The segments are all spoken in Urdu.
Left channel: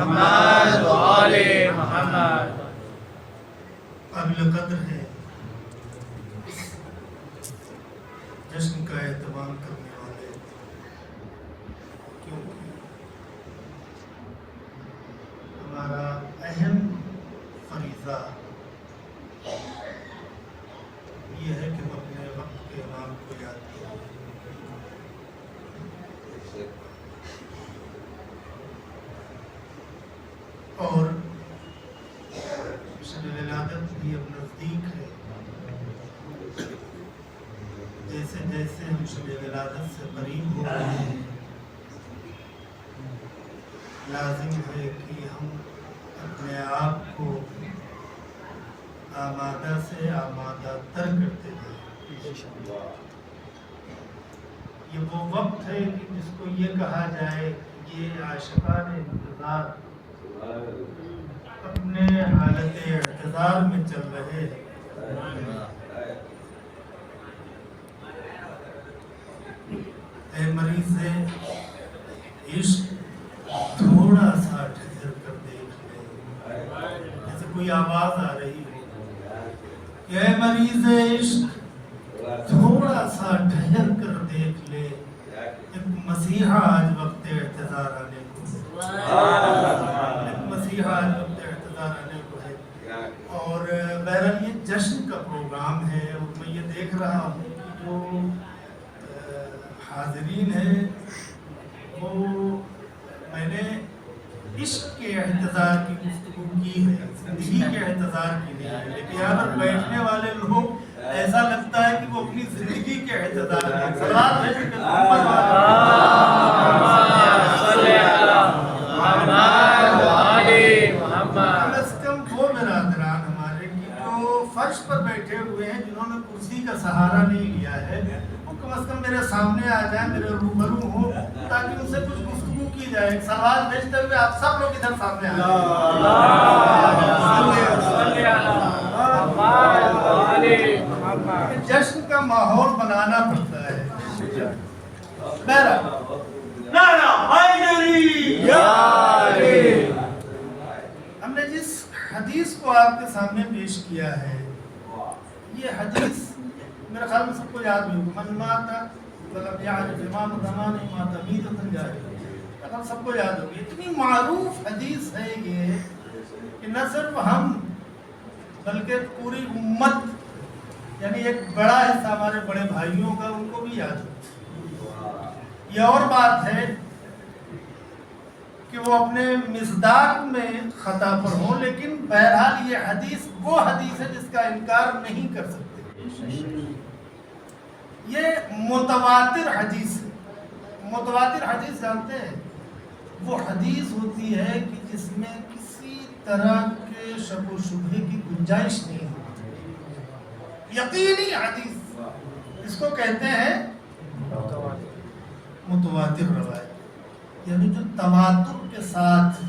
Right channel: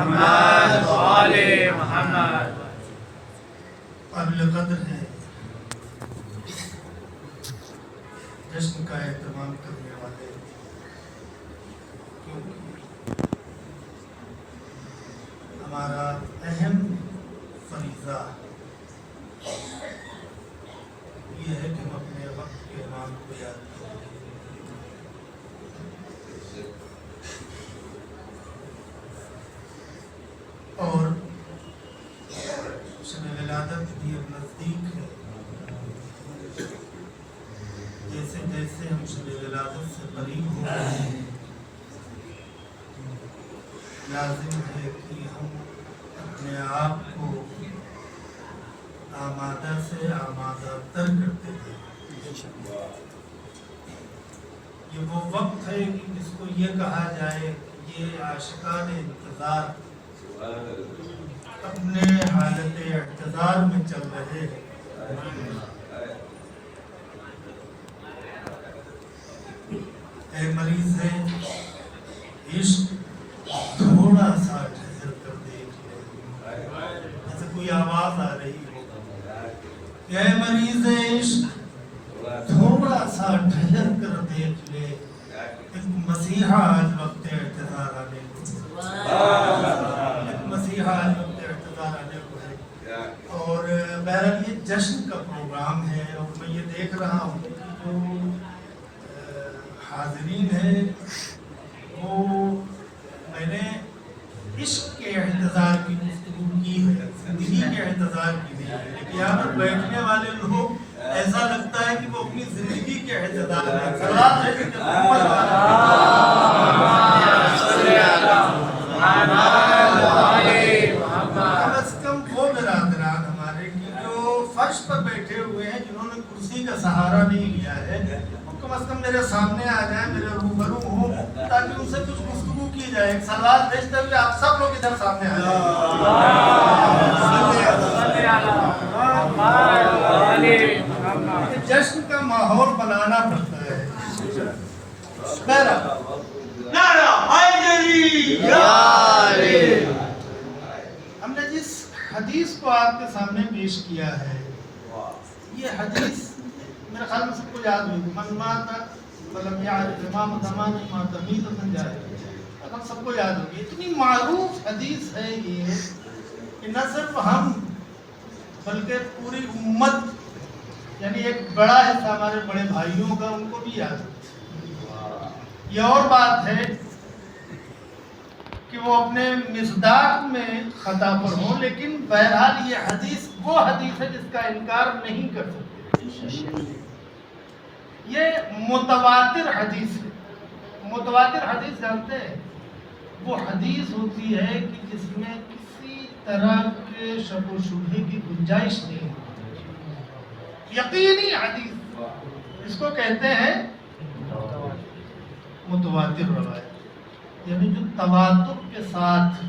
محمد وآل محمد۔ قابل قدر ہے جشن کا اہتمام کرنے والے، کیونکہ ہمارا اہم فریضہ یہ ہے کہ ہم اپنے وقت کے امام کو یاد کریں۔ اور شب ولادت بھی اب نزدیک ہے، جیسے جیسے ہم شب ولادت سے قریب ہو رہے ہیں، لازم ہے کہ ہم اپنے آپ کو آمادہ سے آمادہ تر کرتے ہیں۔ یہ وہ وقت ہے کہ جس کو یہ کہا جائے کہ یہ عاشقان انتظار اپنے حالت اعتذار میں چل رہے ہیں۔ اے مریض عشق تھوڑا سا ٹھہر کر دیکھ لے، جیسے کوئی آواز آ رہی ہو، اے مریض عشق تھوڑا سا ٹھہر کر دیکھ لے، ایک مسیحا آج وقت اعتذار آنے کو، ایک مسیحا آج وقت اعتذار آنے کو ہے۔ اور بہرحال یہ جشن کا پروگرام ہے، اور میں یہ دیکھ رہا ہوں کہ جو حاضرین ہیں وہ، میں نے عشق کے اعتذار کی گفتگو کی ہے، زندگی کے اعتذار کی نہیں ہے، لیکن یہاں پر بیٹھنے والے لوگ ایسا لگتا ہے کہ وہ اپنی زندگی کے اعتذار ہیں۔ سلام ہے کہ محمد کم از کم وہ برادران ہمارے کی جو فرش پر بیٹھے ہوئے ہیں، جنہوں نے کرسی کا سہارا نہیں لیا ہے، وہ کم از کم میرے سامنے آ جائیں، میرے روبرو ہوں، تاکہ ان سے کچھ گفتگو کی جائے۔ ایک سلوات بھیجتے ہوئے آپ سب لوگ ادھر سامنے آ جائیں۔ جشن کا ماحول بنانا پڑتا ہے۔ نعرہ حیدری! ہم نے جس حدیث کو آپ کے سامنے پیش کیا ہے، یہ حدیث میرے خیال میں سب کو یاد ہوئی، من مات ولم یعرف امام زمان مات میتۃ جاہلیہ، سب کو یاد ہوگی۔ اتنی معروف حدیث ہے یہ کہ نہ صرف ہم بلکہ پوری امت، یعنی ایک بڑا حصہ ہمارے بڑے بھائیوں کا، ان کو بھی یاد ہے۔ یہ اور بات ہے کہ وہ اپنے مصداق میں خطا پر ہوں، لیکن بہرحال یہ حدیث وہ حدیث ہے جس کا انکار نہیں کر سکتے۔ یہ متواتر حدیث ہے۔ متواتر حدیث جانتے ہیں؟ وہ حدیث ہوتی ہے کہ جس میں کسی طرح کے شک و شبہے کی گنجائش نہیں ہوتی، یقینی حدیث، اس کو کہتے ہیں متواتر روایت، یعنی جو تواتر کے ساتھ،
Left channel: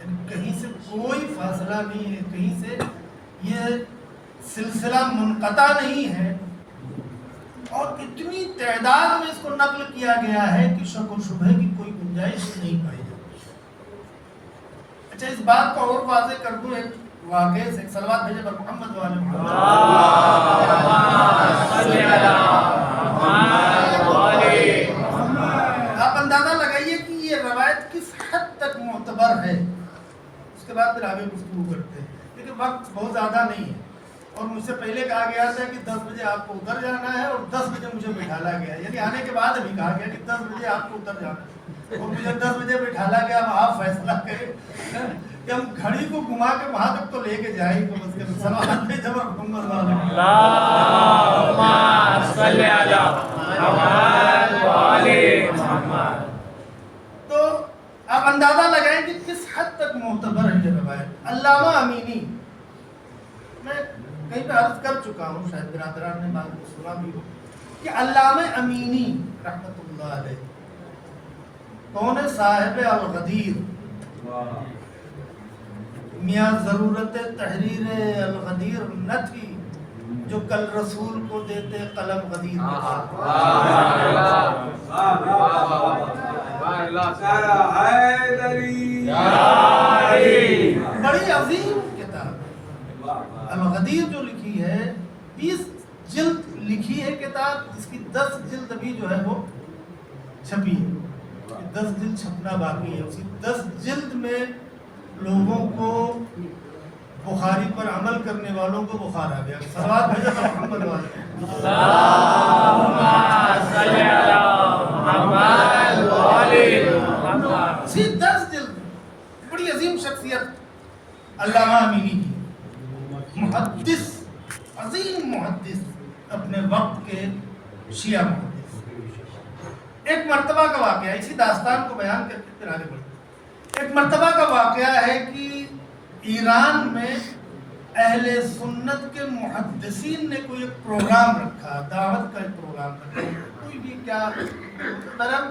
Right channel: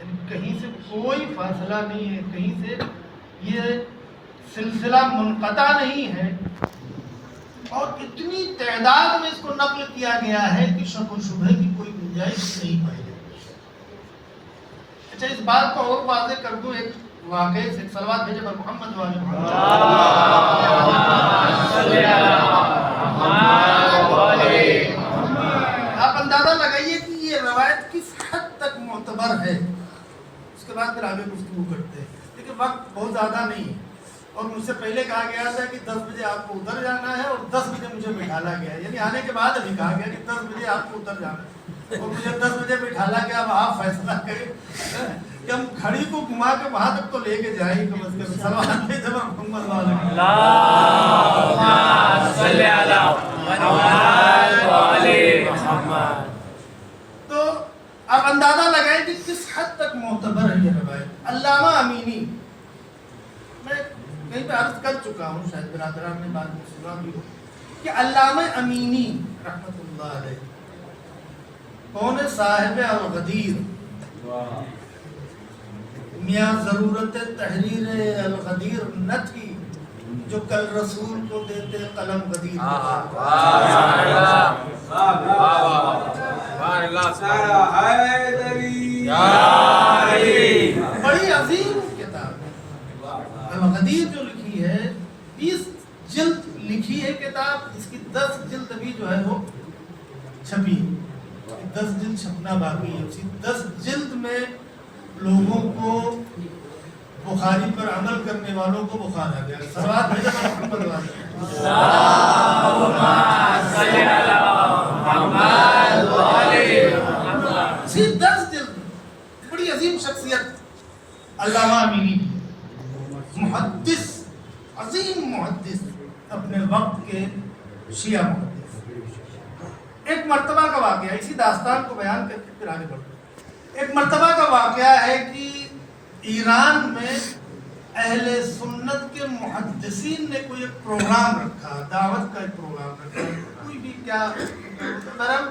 یعنی کہیں سے کوئی فاصلہ نہیں ہے، کہیں سے یہ سلسلہ منقطع نہیں ہے، اور اتنی تعداد میں اس کو نقل کیا گیا ہے کہ شک و شبہے کی کوئی گنجائش نہیں پائی جاتی۔ اچھا، اس بات کو اور واضح کر دوں ایک واقعے سے۔ صلوات بھیجے پر محمد و آل محمد۔ آپ اندازہ لگائیے کہ یہ روایت کس حد تک معتبر ہے، اس کے بعد پھر آگے گفتگو کرتے ہیں، لیکن وقت بہت زیادہ نہیں ہے، اور مجھ سے پہلے کہا گیا تھا کہ 10 بجے آپ کو ادھر جانا ہے، اور 10 بجے مجھے بٹھالا گیا، یعنی آنے کے بعد ابھی کہا گیا کہ 10 بجے آپ کو ادھر جانا ہے، اور مجھے 10 بجے بٹھالا گیا۔ اب آپ فیصلہ کریں کہ ہم گھڑی کو گھما کے وہاں تک تو لے کے جائیں، کم از کم سلوات پہ جب محمد والا تو آپ اندازہ لگائیں کہ کس حد تک معتبر ہے یہ روایت۔ علامہ امینی، میں کہیں پہ عرض کر چکا ہوں، شاید برادران نے بعد میں سنا بھی ہو، کہ علامہ امینی رحمت اللہ علیہ کون ہے؟ صاحب الغدیر، میاں ضرورت تحریر الغدیر نہ تھی جو کل رسول کو دیتے قلم غدیر۔ سارا حیدری بڑی عظیم کتاب ہے الغدیر جو لکھی ہے، 20 جلد لکھی ہے کتاب، جس کی 10 جلد ابھی جو ہے وہ چھپی ہے، 10 جلد چھپنا باقی ہے۔ اسی 10 جلد میں لوگوں کو بخاری پر عمل کرنے والوں کو بخار آ گیا۔ صلوات بھیجو محمد والے اللہم صلی علی محمد وآلہ محمد۔ اسی 10 جلد میں بڑی عظیم شخصیت علامہ امینی کی، محدث، عظیم محدث، اپنے وقت کے شیعہ محدث۔ ایک مرتبہ کا واقعہ، اسی داستان کو بیان کر کے پھر آگے بڑھتے۔ ایک مرتبہ کا واقعہ ہے کہ ایران میں اہل سنت کے محدثین نے کوئی ایک پروگرام رکھا، دعوت کا ایک پروگرام رکھا، کوئی بھی کیا طرف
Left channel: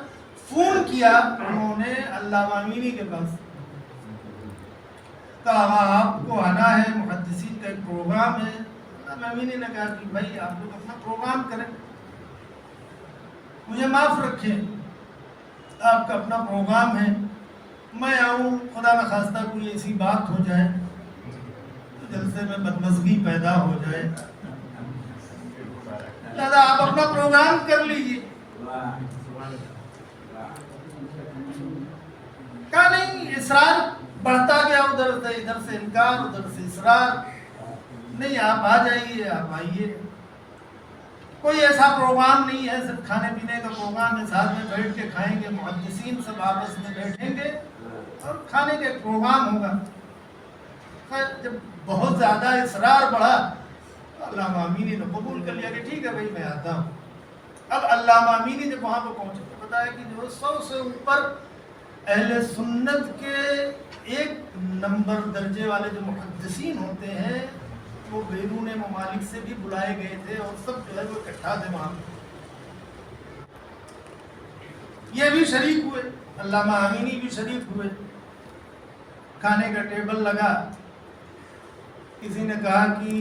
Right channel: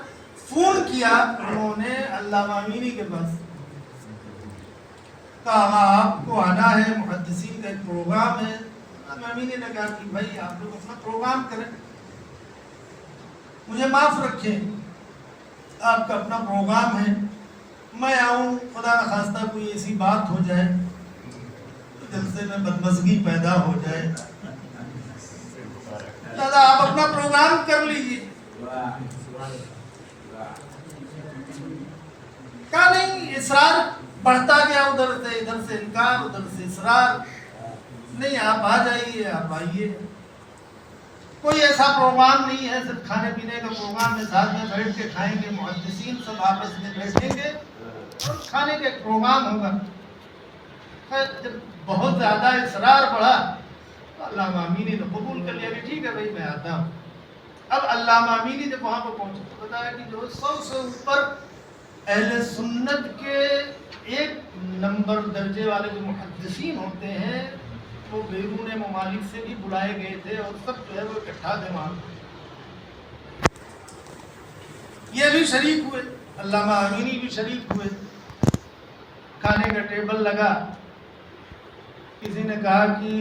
فون کیا انہوں نے علامہ امینی کے پاس، کہا آپ کو آنا ہے، محدثین کا ایک پروگرام ہے۔ علامہ امینی نے کہا کہ بھائی آپ لوگ اپنا پروگرام کریں، مجھے معاف رکھیں، آپ کا اپنا پروگرام ہے، میں آؤں، خدا نخواستہ کوئی ایسی بات ہو جائے تو جلسے میں بدمزگی پیدا ہو جائے، لہذا آپ اپنا پروگرام کر لیجیے۔ کہا نہیں، اصرار بڑھتا گیا، ادھر سے انکار، ادھر سے اصرار، نہیں آپ آ جائیے، آپ آئیے، کوئی ایسا پروگرام نہیں ہے، صرف کھانے پینے کا پروگرام ہے، ساتھ میں بیٹھ کے کھائیں گے، محدثین سب آپس میں بیٹھیں گے اور کھانے کا ایک پروگرام ہوگا۔ خیر جب بہت زیادہ اصرار بڑھا تو علامہ امینی نے قبول کر لیا کہ ٹھیک ہے بھائی میں آتا ہوں۔ اب علامہ امینی جب وہاں پہ پہنچے تو بتایا کہ جو 100 سے اوپر اہل سنت کے 1 نمبر درجے والے جو محدثین ہوتے ہیں وہ بیرون ممالک سے بھی بلائے گئے تھے اور سب جو ہے وہ اکٹھا تھے وہاں پہ۔ یہ بھی شریک ہوئے، علامہ امینی بھی شریک ہوئے، کھانے کا ٹیبل لگا، کسی نے کہا کہ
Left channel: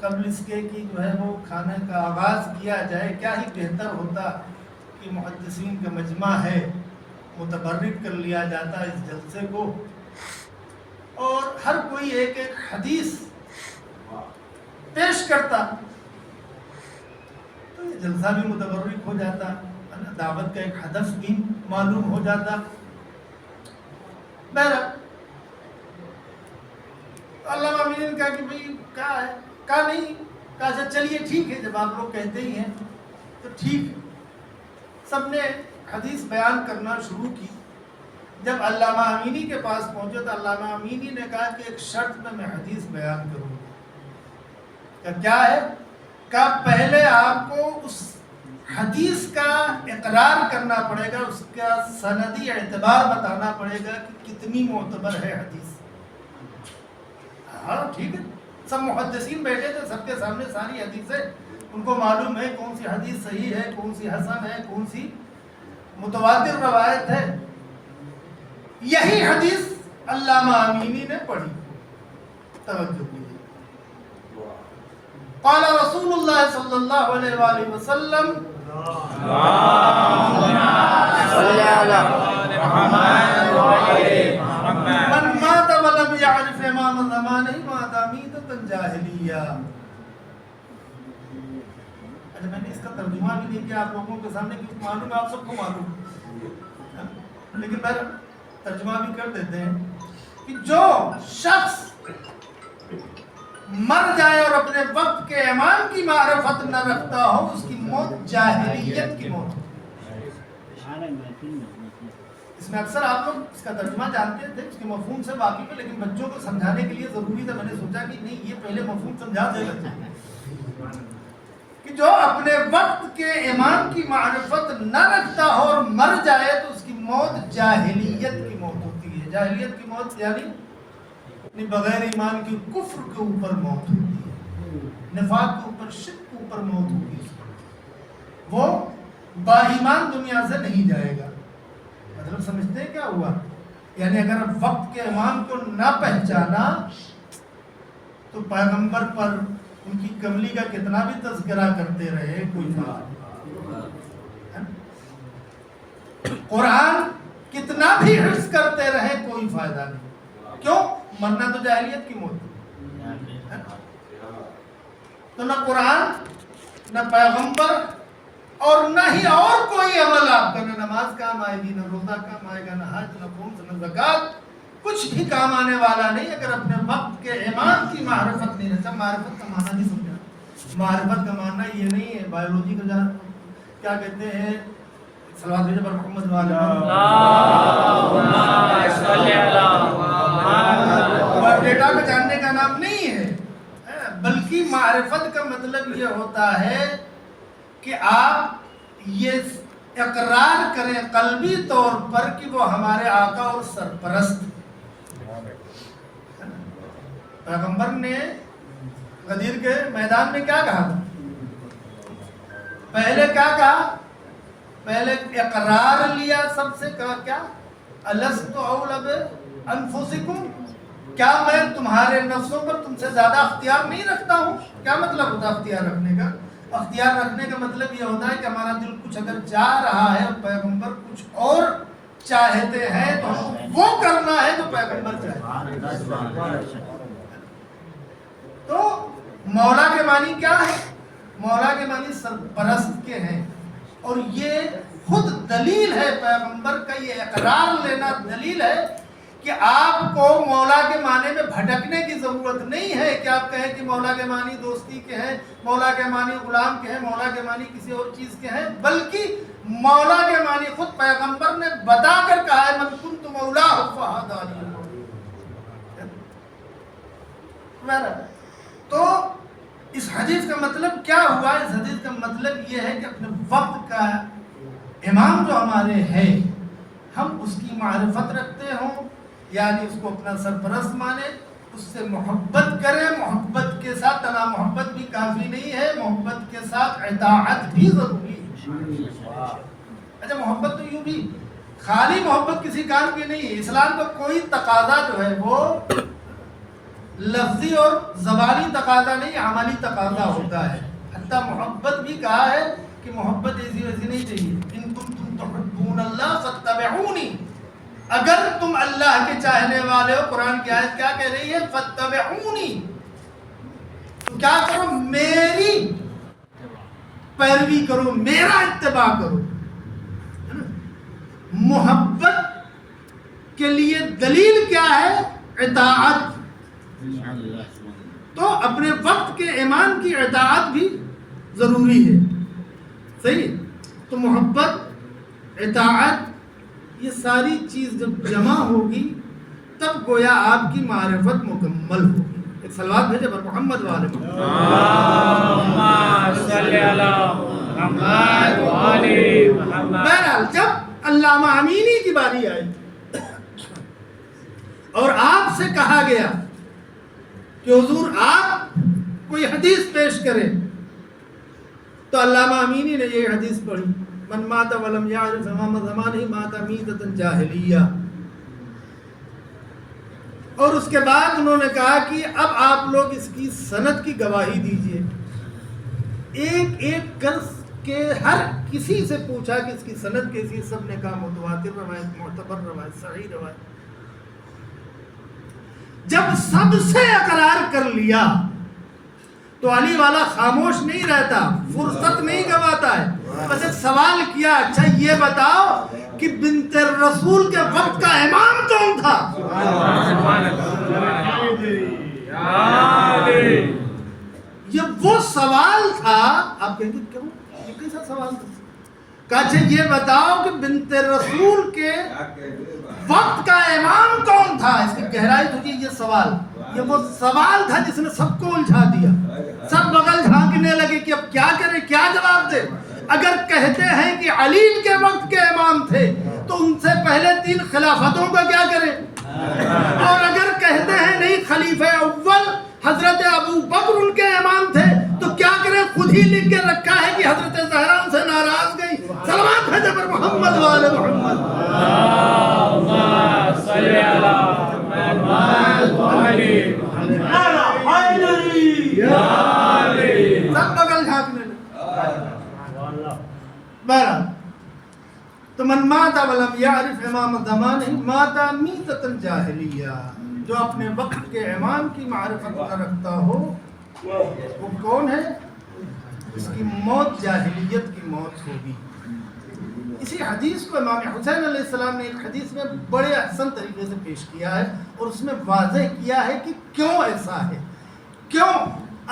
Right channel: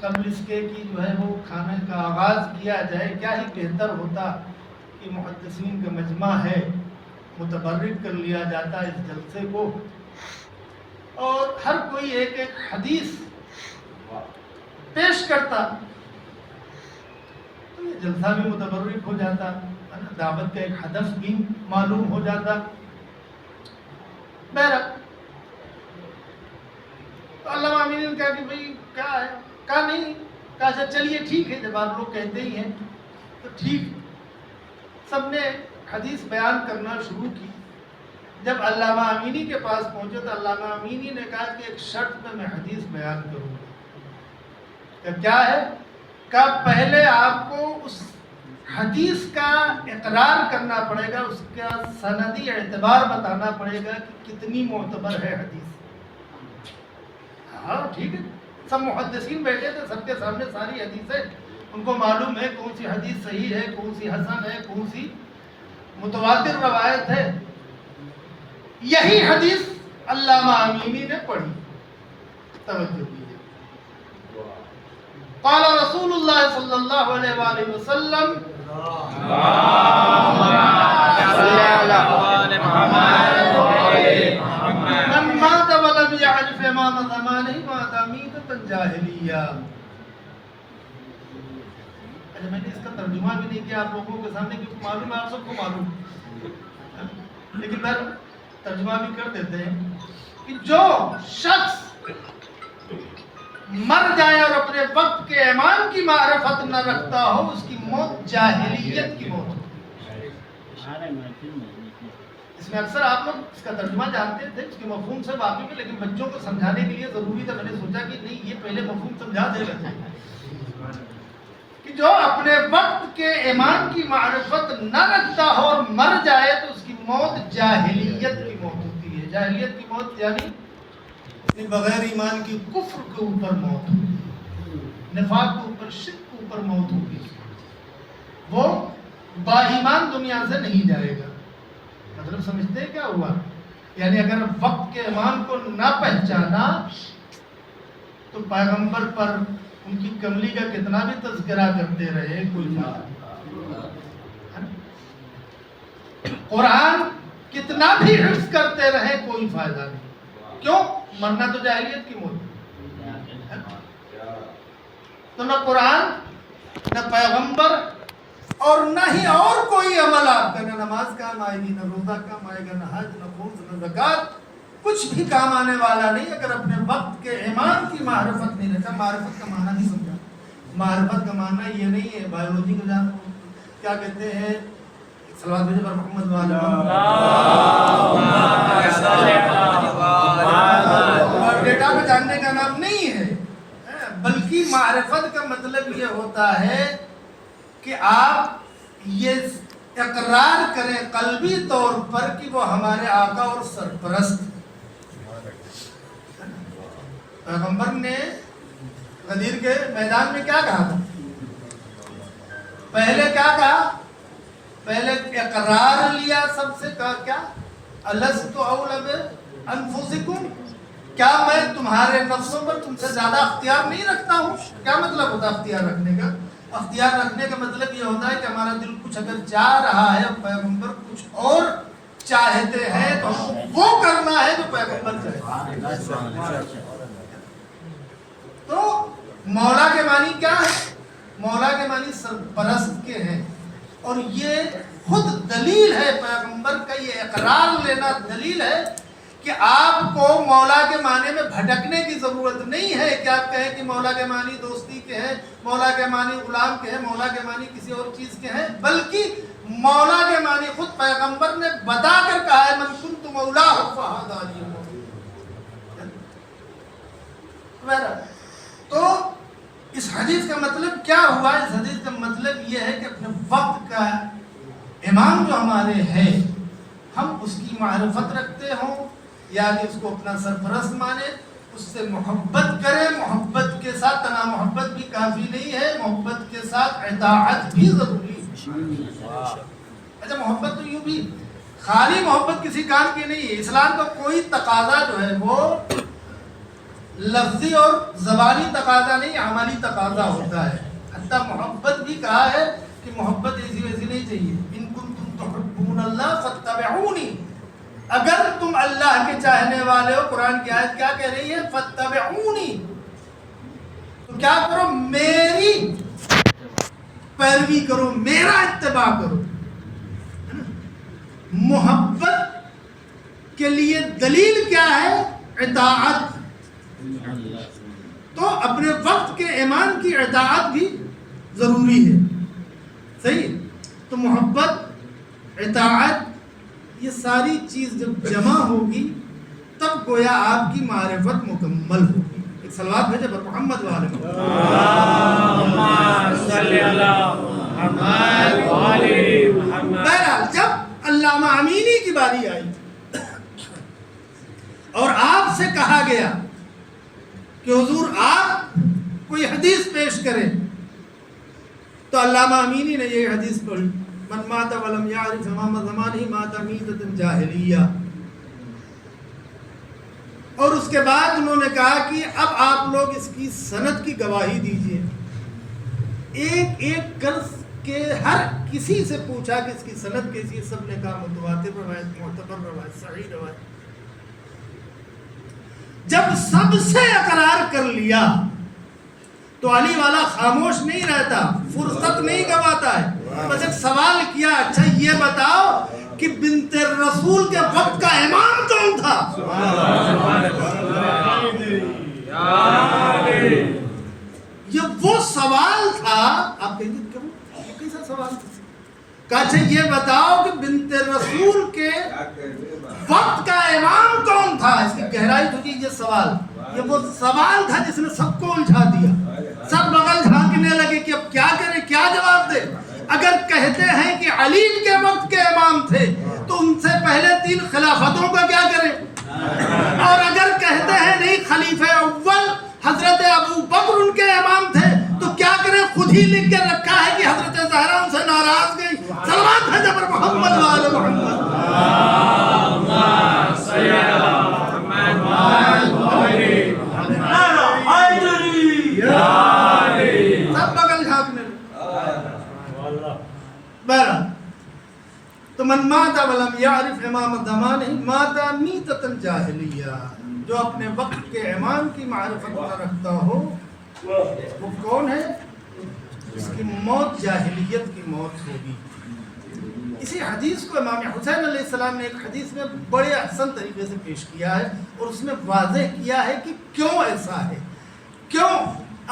قبل اس کے کہ جو ہے وہ کھانے کا آغاز کیا جائے، کیا ہی بہتر ہوتا کہ محدثین کا مجمع ہے، متبرک کر لیا جاتا اس جلسے کو، اور ہر کوئی ایک ایک حدیث پیش کرتا تو یہ جلسہ بھی متبرک ہو جاتا، دعوت کا ایک ہدف بھی معلوم ہو جاتا۔ بہرحال علامہ امینی نے کہا کہ بھائی کیا ہے، کہا نہیں، کہا اچھا چلیے ٹھیک ہے، جب آپ لوگ کہتے ہی ہیں تو ٹھیک ہے۔ سب نے حدیث بیان کرنا شروع کی۔ جب علامہ امینی کے پاس پہنچے تو علامہ امینی نے کہا کہ ایک شرط پہ میں حدیث بیان کروں گا۔ کہ کیا ہے؟ کہ پہلے آپ کو اس حدیث کا اقرار کرنا پڑے گا، اس کا سندی اعتبار بتانا پڑے گا کہ کتنی معتبر ہے حدیث۔ ہاں ٹھیک ہے، سب محدثین بیٹھے تھے، سب کے سامنے ساری حدیثیں، ان کو معلوم ہے کون سی حدیث صحیح ہے، کون سی حسن ہے، کون سی متواتر روایت ہے۔ یہی حدیث علامہ امینی نے پڑھی، توجہ کیجیے۔ قال رسول اللہ صلی اللہ علیہ وآلہ وسلم من مات ولم يعرف امام زمانہ مات میتۃ جاہلیہ۔ اچھا میں نے اس کا ترجمہ بھی نہیں کیا آپ لوگوں کے سامنے کیونکہ معلوم ہے آپ سب کو معلوم، لیکن میں ترجمہ بھی کر دیتے ہیں کہ جو شخص مر جائے اور اپنے وقت کے امام کی معرفت نہ رکھتا ہو، اس کی موت جاہلیت کی موت ہے۔ اس میں اکثر آپ لوگ اس کا ترجمہ جانتے تھے، اس کے مفہوم سے واقف ہے، لیکن بچوں کو سمجھانے کے لیے ضروری تھا، میں نے سوچا کہ نہیں یہ پہلے مفہوم سمجھا دے بچے کہ جو اپنے وقت کے امام کی معرفت نہ رکھتا ہو اور مر جائے تو اس کی موت جاہلیت کی موت ہوتی ہے۔ جاہلیت کی موت یعنی بغیر ایمان کی کفر کے اوپر موت ہوگی، نفاق کے اوپر، شرک کے اوپر موت ہوگی، وہ با ایمان دنیا سے نہیں جائے گا۔ مطلب سمجھتے ہیں کیا ہوا؟ یعنی اگر وقت کے امام کو نہ پہچانا تو پیغمبر پر ان کی کملی کا کتنا بھی تذکرہ کرتے رہے کوئی فائدہ نہیں، قرآن کتنا بھی حفظ کرتے رہے کوئی فائدہ نہیں۔ کیوں؟ مرنا تو جاہلیت کی موت ہے۔ تو نہ قرآن، نہ پیغمبر، اور نہ ہی اور کوئی عمل آپ کا، نہ نماز کام آئے گی، نہ روزہ کام آئے گا، نہ حج، نہ خمس، نہ زکوٰۃ، کچھ بھی کام آنے والا نہیں اگر اپنے وقت کے امام کی معرفت نہیں رکھتا۔ معرفت کا معنی نہیں سمجھا۔ معرفت کا معنی یہ نہیں ہے بایولوجی کا کیا کہتے ہیں، صلوات بھیجو پر محمد والے ڈیٹا کو جاننے کا نام نہیں ہے، بلکہ معرفت کا مطلب یہ ہوتا ہے کہ آپ یہ اقرار کریں قلبی طور پر کہ وہ ہمارے آقا اور سرپرست ہیں۔ پیغمبر نے غدیر کے میدان میں کیا کہا تھا؟ پہلے کیا کہا؟ پہلے اقرار لیا سب سے، کہا کیا؟ الست اولی بانفسکم، کیا میں تمہارے نفسوں پر تم سے زیادہ اختیار نہیں رکھتا ہوں؟ کیا مطلب ہوتا ہے اختیار رکھنے کا؟ اختیار رکھنے کا مطلب یہ ہوتا ہے کہ ہمارا دل کچھ اگر چاہ رہا ہے اور پیغمبر کچھ اور چاہتے ہیں تو ہم کو وہ کرنا ہے جو پیغمبر چاہتے ہیں۔ تو مولا کے معنی کیا ہے؟ مولا کے معنی سرپرست کے ہیں، اور یہ خود دلیل ہے پیغمبر کا یہ اقرار لینا دلیل ہے کہ آپ کو مولا کے معنی میں بھٹکنے کی ضرورت نہیں ہے کہ آپ کہیں کہ مولا کے معنی دوستی کے ہیں، مولا کے معنی غلام کے ہیں، مولا کے معنی کسی اور چیز کے ہیں، بلکہ مولا کے معنی خود پیغمبر نے بتا کر کہا ہے من کنت مولاہ فہذا لی المولى۔ تو اس حدیث کا مطلب کیا ہوا؟ اس حدیث کا مطلب یہ ہے کہ اپنے وقت کا امام جو ہمارے ہے ہم اس کی معرفت رکھتے ہوں، یعنی اس کو اپنا سرپرست مانے، اس سے محبت کریں۔ محبت کے ساتھ تنہا محبت بھی کافی نہیں ہے، محبت کے ساتھ اطاعت بھی ضروری ہے۔ اچھا، محبت تو یوں بھی خالی محبت کسی کام کی نہیں ہے۔ اسلام کا کوئی تقاضا جو ہے وہ لفظی اور زبانی تقاضا نہیں، عملی تقاضا ہوتا ہے۔ حتیٰ محبت بھی کہا ہے کہ محبت ایسی ویسی نہیں چاہیے، ان کنتم تحبون اللہ فاتبعونی، اگر تم اللہ کے چاہنے والے ہو، قرآن کی آیت کیا کہہ رہی ہے؟ فاتبعونی، تو کیا کرو؟ میری پیروی کرو، میرا اتباع کرو۔ محبت کے لیے دلیل کیا ہے؟ اطاعت۔ تو اپنے وقت کے امام کی اطاعت بھی ضروری ہے، صحیح؟ تو محبت، اطاعت، یہ ساری چیز جب جمع ہوگی تب گویا آپ کی معرفت مکمل ہوگی۔ ایک صلوات بھیجے پر محمد والے محمد۔ بہرحال جب علامہ امینی کی باری آئی اور آپ سے کہا گیا کہ حضور آپ کوئی حدیث پیش کریں، تو علامہ امینی نے یہ حدیث پڑھی، من مات ولم یعرف امام زمانہ مات میتۃ جاہلیہ۔ اور اس کے بعد انہوں نے کہا کہ اب آپ لوگ اس کی سند کی گواہی دیجئے۔ ایک ایک کر کے ہر کسی سے پوچھا کہ اس کی سند کیسی ہے، سب نے کہا متواتر روایت، معتبر روایت، صحیح روایت۔ جب سب سے اقرار کر لیا تو علی والا خاموش نہیں رہتا، فرصت نہیں گواتا ہے، بس ایک سوال کیا، اچھا یہ بتاؤ کہ بنت رسول کے وقت کا امام کون تھا؟ یہ وہ سوال تھا۔ آپ کہیں گے کیوں، یہ کیسا سوال تھا؟ کہا اچھا یہ بتاؤ کہ بنت رسول کے وقت کا امام کون تھا؟ اس کی گہرائی تو یہ سوال، یہ وہ سوال تھا جس نے سب کو الجھا دیا۔ سب بغل جھانکنے لگے کہ اب کیا کرے، کیا جواب دے۔ اگر کہتے ہیں کہ علی کے وقت کے امام تھے تو ان سے پہلے 3 خلافتوں کا کیا کرے، اور اگر کہتے ہیں نہیں خلیفہ اول حضرت ابو بکر ان کے امام تھے تو کیا کریں؟ خود ہی لکھ کے رکھا ہے کہ حضرت زہرا ان سے ناراض گئی۔ صلوات ہے جب محمد وآل محمد۔ سب بغل جھانکنے لگے۔ بہرحال تو من من مات ولم يعرف امام زمانه مات میتۃ جاہلیہ، جو اپنے وقت کے امام کی معرفت نہ رکھتا ہو وہ کون ہے؟ اس کی موت جاہلیت کی موت ہوگی۔ اسی حدیث کو امام حسین علیہ السلام نے ایک حدیث میں بڑے احسن طریقے سے پیش کیا ہے اور اس میں واضح کیا ہے کہ کیوں ایسا ہے، کیوں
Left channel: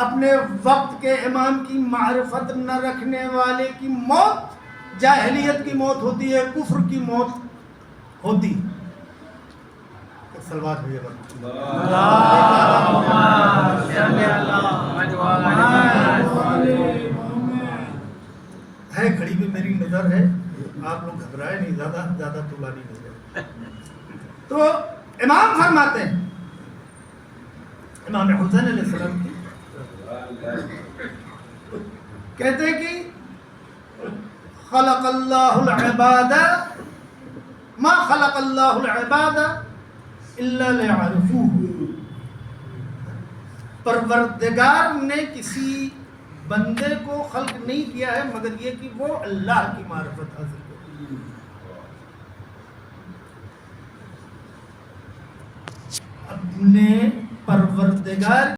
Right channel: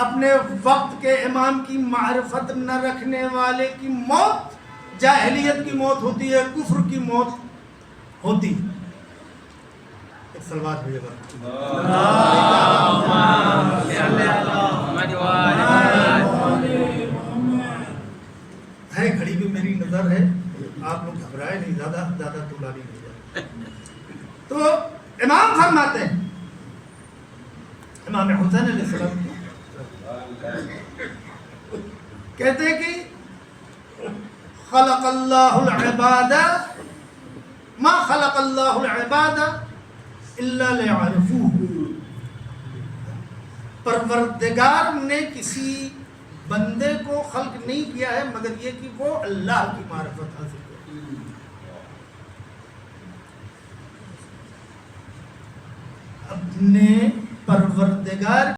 اپنے وقت کے امام کی معرفت نہ رکھنے والے کی موت جاہلیت کی موت ہوتی ہے، کفر کی موت ہوتی۔ ایک صلوات بھیجے گا ہے، کھڑی بھی میری نظر ہے، آپ لوگ گھبرائے نہیں، زیادہ طولانی نہیں جائے۔ تو امام فرماتے ہیں، امام حسین علیہ السلام کی کہتے ہیں کہ خلق اللہ العباد ما خلق اللہ العباد الا لیعرفوہ، پروردگار نے کسی بندے کو خلق نہیں کیا ہے مگر یہ کہ وہ اللہ کی معرفت حاصل کرے۔ اپنے پروردگار